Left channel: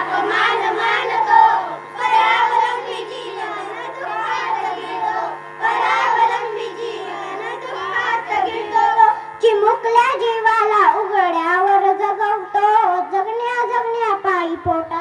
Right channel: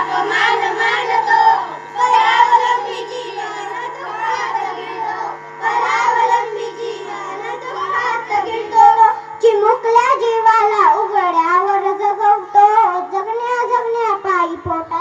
अपमान मानतो, परावलंबी जीवन दुःखात गिळतो, परावलंबी जीवन दुःखात गिळतो. चिमुकल्या जीवाला उघड्यावर जगवतो, जगण्या जगण्या पायी पोटा